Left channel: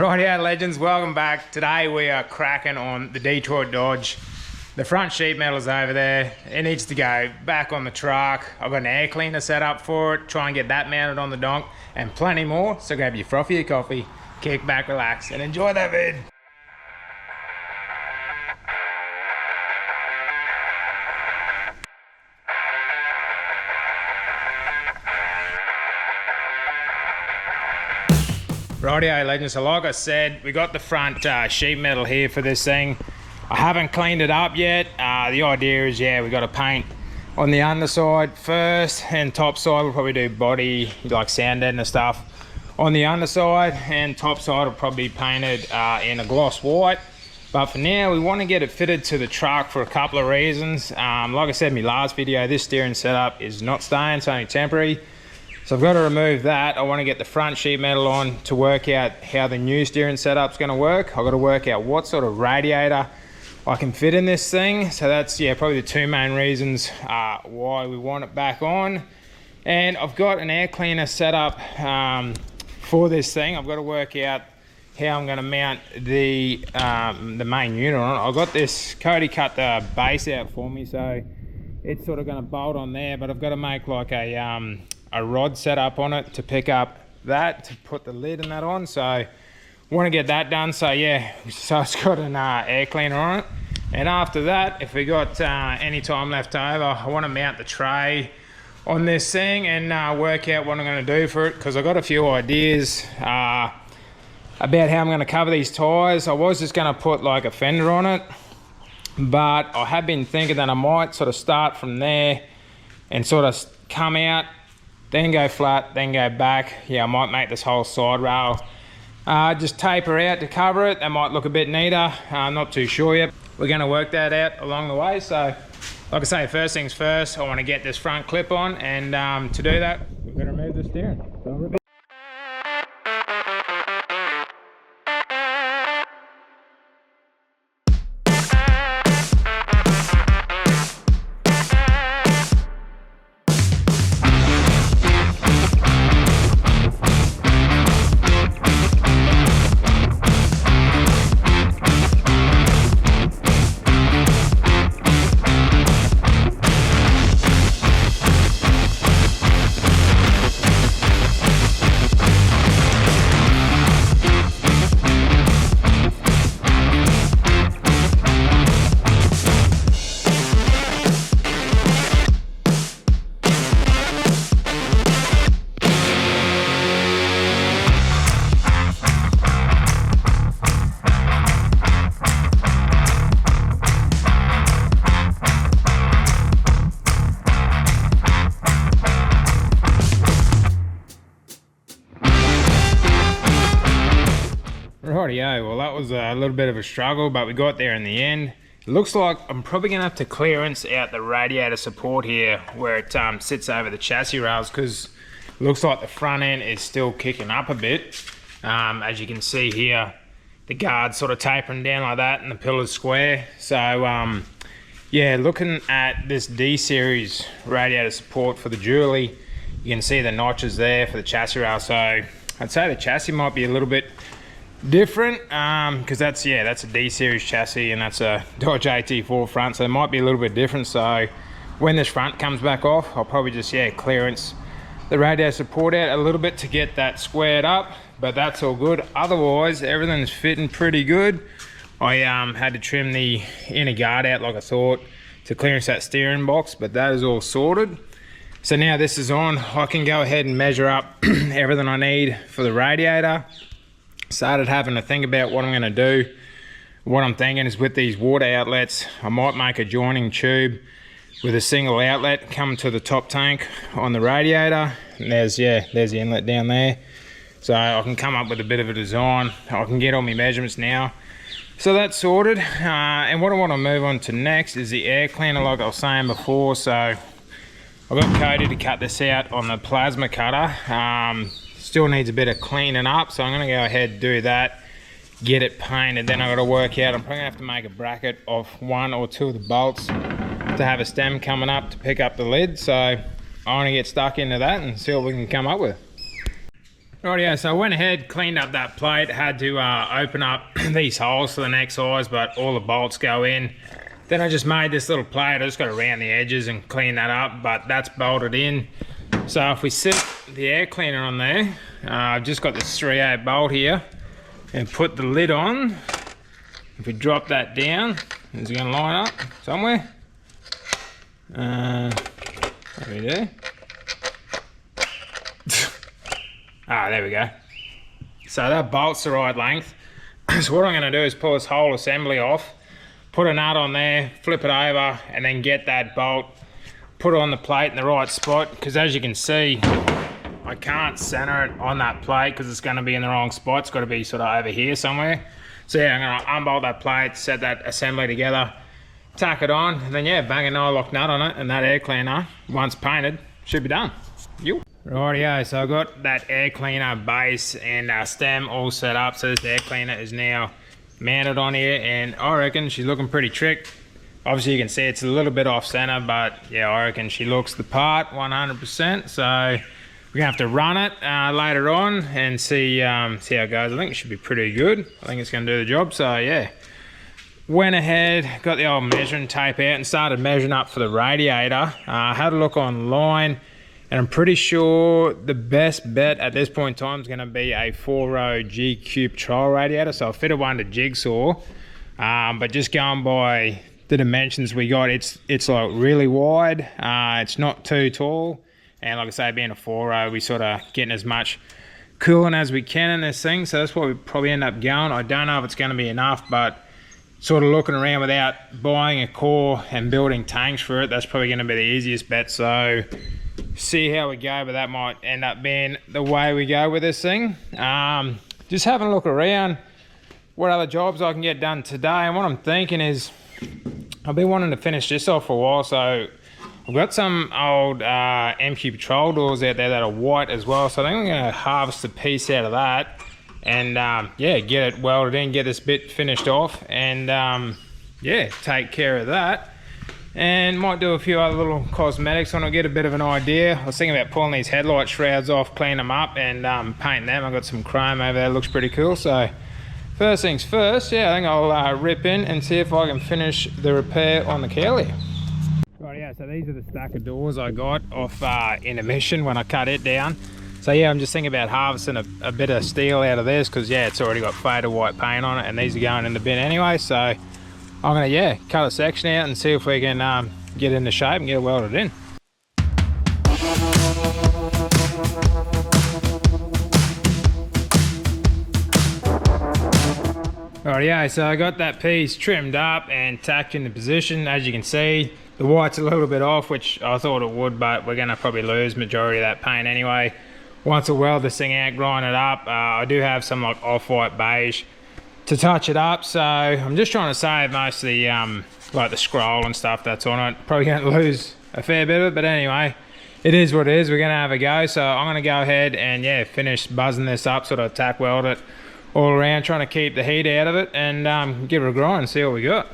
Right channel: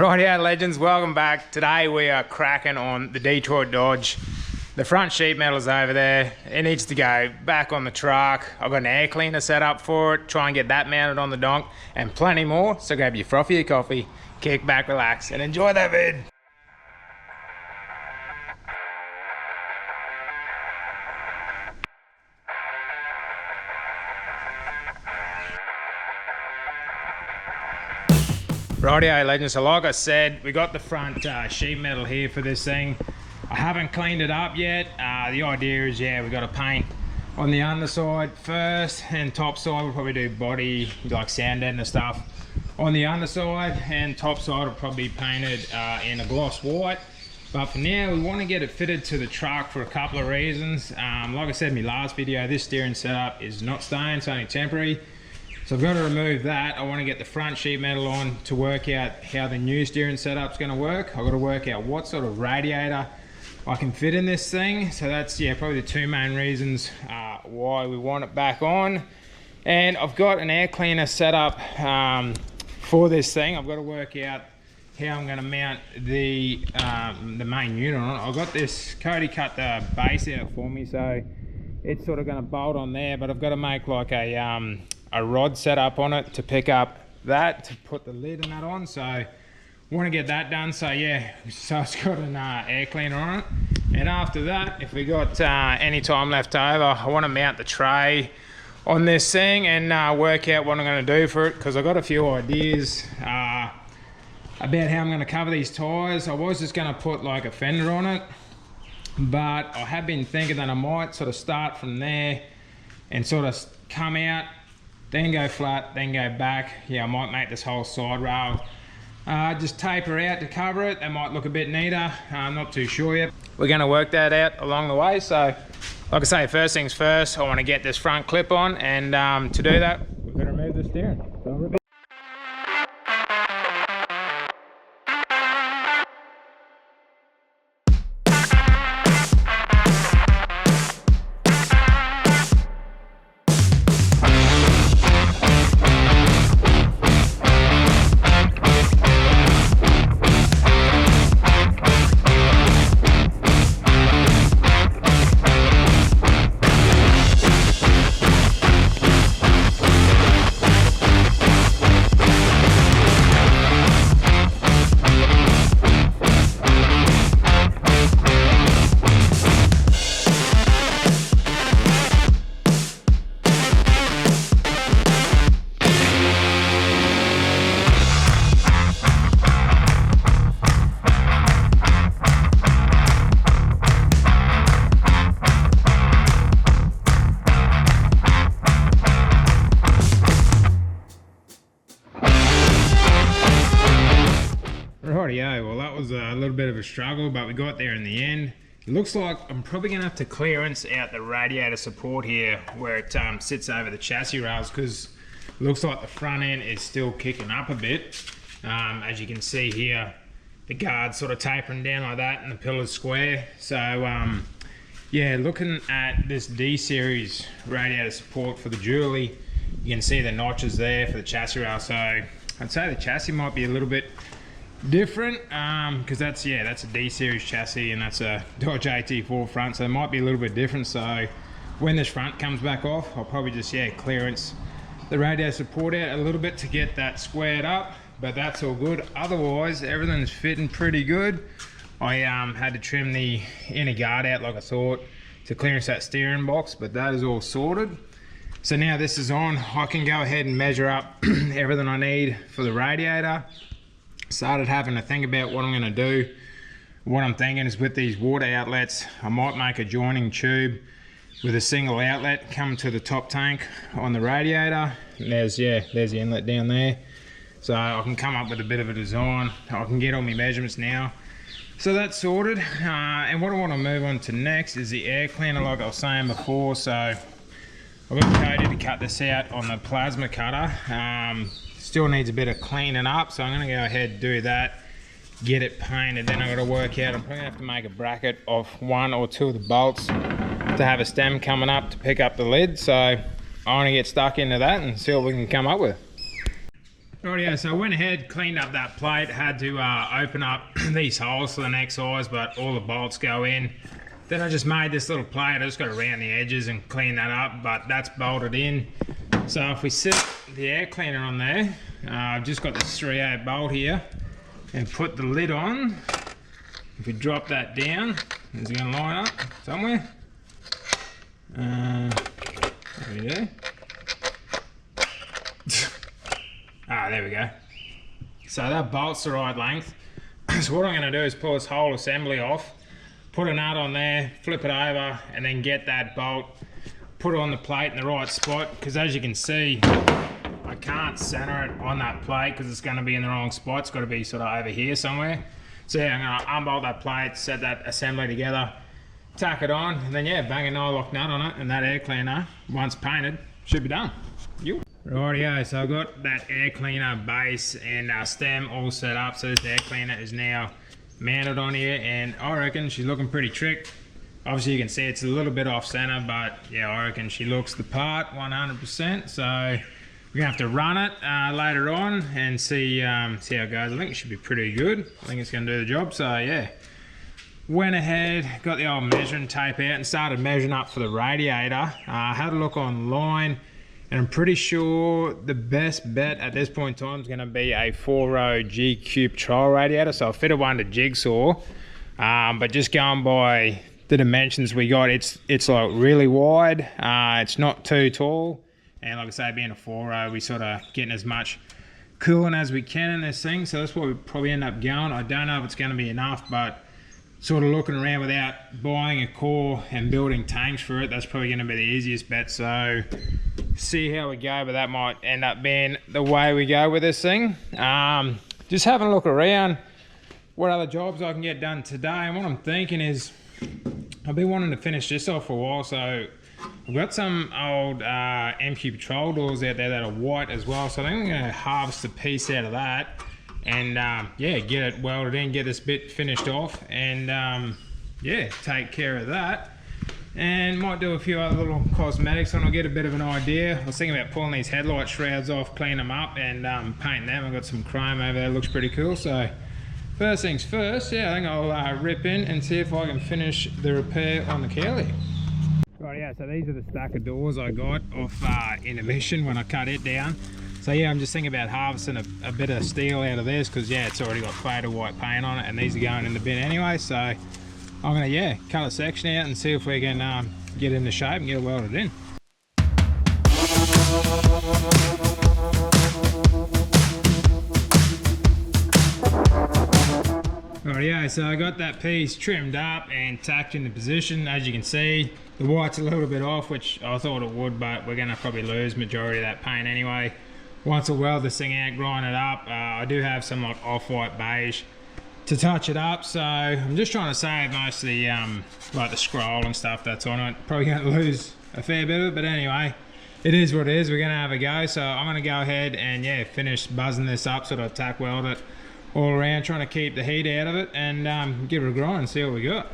Rightio legends, welcome back. Today we are cracking on the Detroit Dodge. The front sheet metal's over there. It needs to go back on the truck. I've got an air cleaner set up for it. Try and get that mounted on the donk and plenty more. So grab your frothy coffee, kick back, relax, and enjoy that vid. Rightio legends, so like I said, we got the front sheet metal here for this thing. I haven't cleaned it up yet. The idea is, yeah, we got to paint on the underside first, and top side we'll probably do body, like sand deadener stuff on the underside, and top side will probably be painted in a gloss white. But for now, we want to get it fitted to the truck for a couple of reasons. Like I said in my last video, this steering setup is not staying, it's only temporary. So I've got to remove that. I want to get the front sheet metal on to work out how the new steering setup's going to work. I've got to work out what sort of radiator I can fit in this thing. So that's, yeah, probably the two main reasons why we want it back on. And I've got an air cleaner set up for this thing. I've got to work out how I'm going to mount the main unit on it. I've got this, Cody cut the base out for me, so it's sort of going to bolt on there, but I've got to make like a rod set up on it to pick up that, to put the lid and that on. So I want to get that done. So yeah, so it's got an air cleaner on it. And after that, if we got any time left over, I want to mount the tray on this thing and work out what I'm going to do for it, because I've got a few ideas about how I'm going to cover these tyres. I was just going to put like a fender on it, but I have been thinking that I might sort of start from there and sort of come out, then go flat, then go back. Yeah, I might make this whole side rail just taper out to cover it. That might look a bit neater. I'm not too sure yet. We're going to work that out along the way. So like I say, first things first, I want to get this front clip on, and to do that, we're going to remove the steering. Rightio, well that was a little bit of a struggle, but we got there in the end. It looks like I'm probably going to have to clearance out the radiator support here where it sits over the chassis rails, because it looks like the front end is still kicking up a bit. As you can see here, the guard's sort of tapering down like that and the pillar's square. So yeah, looking at this D-series radiator support for the Julie, you can see the notches there for the chassis rail. So I'd say the chassis might be a little bit different, because that's a D-series chassis and that's a Dodge AT4 front, so it might be a little bit different. So when this front comes back off, I'll probably just clearance the radiator support out a little bit to get that squared up, but that's all good. Otherwise everything's fitting pretty good. I had to trim the inner guard out like I thought to clearance that steering box, but that is all sorted. So now this is on, I can go ahead and measure up everything I need for the radiator. Started having to think about what I'm going to do. What I'm thinking is, with these water outlets, I might make a joining tube with a single outlet coming to the top tank on the radiator. And there's the inlet down there. So I can come up with a bit of a design. I can get all my measurements now. So that's sorted. And what I want to move on to next is the air cleaner, like I was saying before. So I've got Cody to cut this out on the plasma cutter. Still needs a bit of cleaning up, so I'm going to go ahead and do that, get it painted. Then I've got to work out, I'm probably going to have to make a bracket of 1 or 2 of the bolts to have a stem coming up to pick up the lid. So I want to get stuck into that and see what we can come up with. Rightio, so I went ahead, cleaned up that plate, had to open up these holes for the next size, but all the bolts go in. Then I just made this little plate. I just got to round the edges and clean that up, but that's bolted in. So if we set the air cleaner on there, I've just got this 3/8 bolt here, and put the lid on. If we drop that down, is it going to line up somewhere? There we go. There we go. So that bolt's the right length. So what I'm going to do is pull this whole assembly off, put a nut on there, flip it over, and then get that bolt, put it on the plate in the right spot, because as you can see, I can't center it on that plate because it's going to be in the wrong spot. It's got to be sort of over here somewhere. So yeah, I'm going to unbolt that plate, set that assembly together, tack it on, and then yeah, bang a nylock nut on it, and that air cleaner, once painted, should be done. Rightio, so I got that air cleaner base and stem all set up. So this air cleaner is now mounted on here, and I reckon she's looking pretty trick. Obviously you can see it's a little bit off center, but yeah, I reckon she looks the part 100%. So we're gonna have to run it later on and see how it goes. I think it should be pretty good. I think it's gonna do the job. So yeah, went ahead, got the old measuring tape out and started measuring up for the radiator. Had a look online, and I'm pretty sure the best bet at this point in time is going to be a 4-row G-Cube trial radiator. So I fitted one to jigsaw, but just going by the dimensions we got, it's like really wide. It's not too tall, and like I say, being a 4-row, we sort of getting as much cooling as we can in this thing. So that's what we probably end up going. I don't know if it's going to be enough, but sort of looking around without buying a core and building tanks for it, that's probably going to be the easiest bet. So see how we go, but that might end up being the way we go with this thing. Just having a look around what other jobs I can get done today, and what I'm thinking is I've been wanting to finish this off for a while. So I've got some old MQ Patrol doors out there that are white as well, so I think I'm going to harvest a piece out of that and yeah, get it welded in, get this bit finished off, and yeah, take care of that. And might do a few other little cosmetics when I get a bit of an idea. I was thinking about pulling these headlight shrouds off, clean them up, and painting them. I've got some chrome over there, looks pretty cool. So first things first, yeah, I think I'll rip in and see if I can finish the repair on the Curly. Right, yeah, so these are the stack of doors I got off intermission when I cut it down. So yeah, I'm just thinking about harvesting a bit of steel out of this, because yeah, it's already got faded white paint on it, and these are going in the bin anyway. So I'm gonna, yeah, cut a section out and see if we can get it into shape and get it welded in. Rightio, so I got that piece trimmed up and tacked into position. As you can see, the white's a little bit off, which I thought it would, but we're gonna probably lose majority of that paint anyway. Once I weld this thing out, grind it up, I do have some like off-white beige to touch it up. So I'm just trying to save most of the like the scroll and stuff that's on it. Probably going to lose a fair bit of it, but anyway, it is what it is. We're going to have a go. So I'm going to go ahead and yeah, finish buzzing this up, sort of tack weld it all around, trying to keep the heat out of it, and give it a grind and see what we got.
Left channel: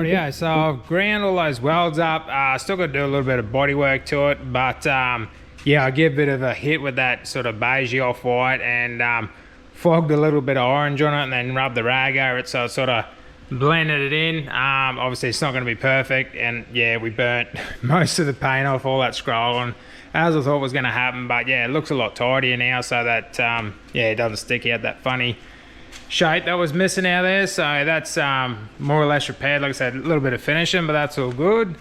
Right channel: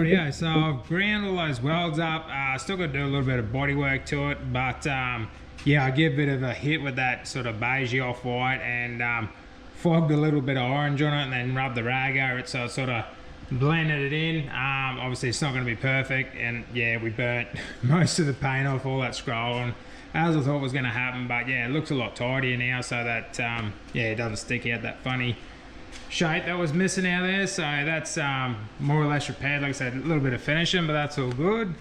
Yeah, so I've ground all those welds up. Still got to do a little bit of bodywork to it, but yeah, I give a bit of a hit with that sort of beigey off-white, and fogged a little bit of orange on it, and then rubbed the rag over it, so it sort of blended it in. Obviously it's not going to be perfect, and yeah, we burnt most of the paint off, all that scrolling, as I thought was going to happen. But yeah, it looks a lot tidier now, so that yeah, it doesn't stick out that funny shape that was missing out there, so that's more or less repaired. Like I said, a little bit of finishing, but that's all good.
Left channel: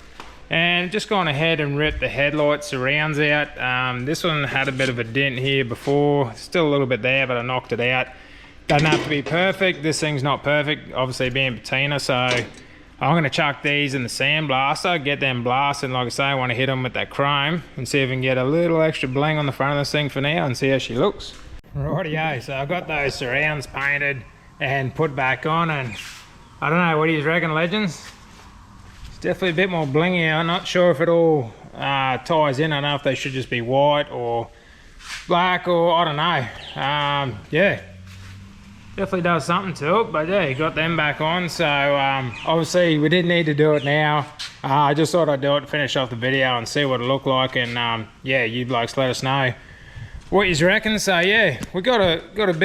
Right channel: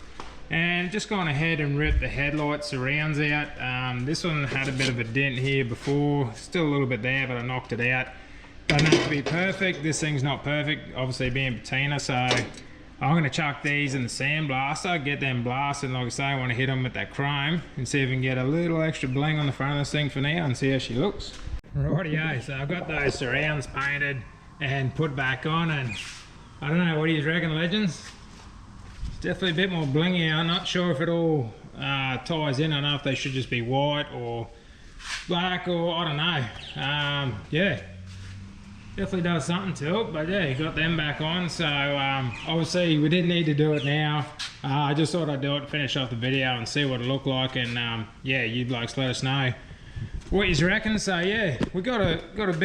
And just gone ahead and ripped the headlight surrounds out. This one had a bit of a dent here before, still a little bit there, but I knocked it out. Doesn't have to be perfect. This thing's not perfect, obviously being patina, so I'm going to chuck these in the sandblaster, get them blasting. Like I say, I want to hit them with that chrome and see if we can get a little extra bling on the front of this thing for now and see how she looks. Rightio, so I've got those surrounds painted and put back on, and I don't know, what do you reckon, legends? It's definitely a bit more blingy. I'm not sure if it all ties in. I don't know if they should just be white or black, or I don't know. Yeah, definitely does something to it, but yeah, you got them back on. So obviously we didn't need to do it now. I just thought I'd do it, finish off the video and see what it looked like, and yeah, you blokes let us know what you reckon. So yeah, we got a good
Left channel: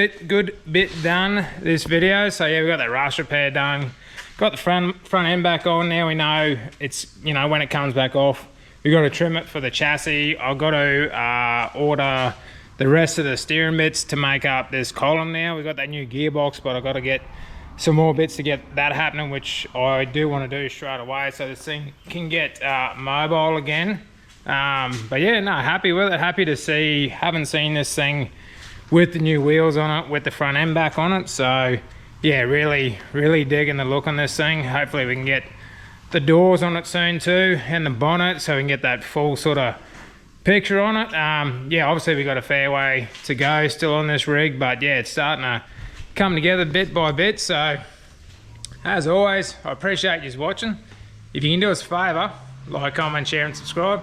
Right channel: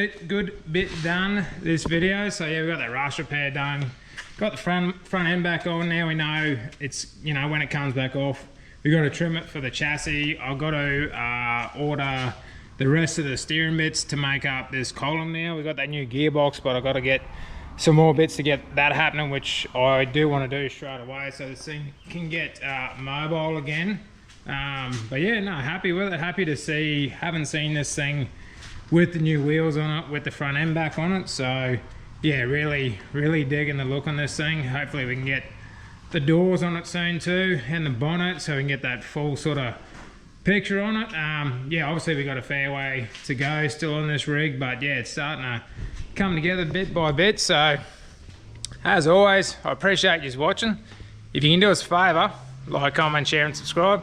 bit done this video. So yeah, we got that rust repair done, got the front end back on. Now we know it's, you know, when it comes back off, we got to trim it for the chassis. I've got to order the rest of the steering bits to make up this column. Now we got that new gearbox, but I've got to get some more bits to get that happening, which I do want to do straight away so this thing can get mobile again. But yeah, no, happy with it. Happy to see, haven't seen this thing with the new wheels on it, with the front end back on it. So yeah, really digging the look on this thing. Hopefully we can get the doors on it soon too, and the bonnet, so we can get that full sort of picture on it. Yeah, obviously we got a fair way to go still on this rig, but yeah, it's starting to come together bit by bit. So as always, I appreciate you watching. If you can do us a favour, like, comment, share and subscribe.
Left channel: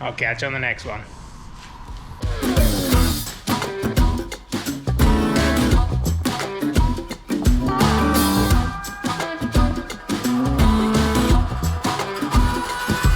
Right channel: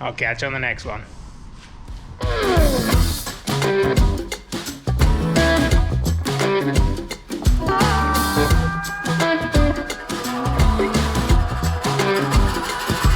I'll catch you on the next one.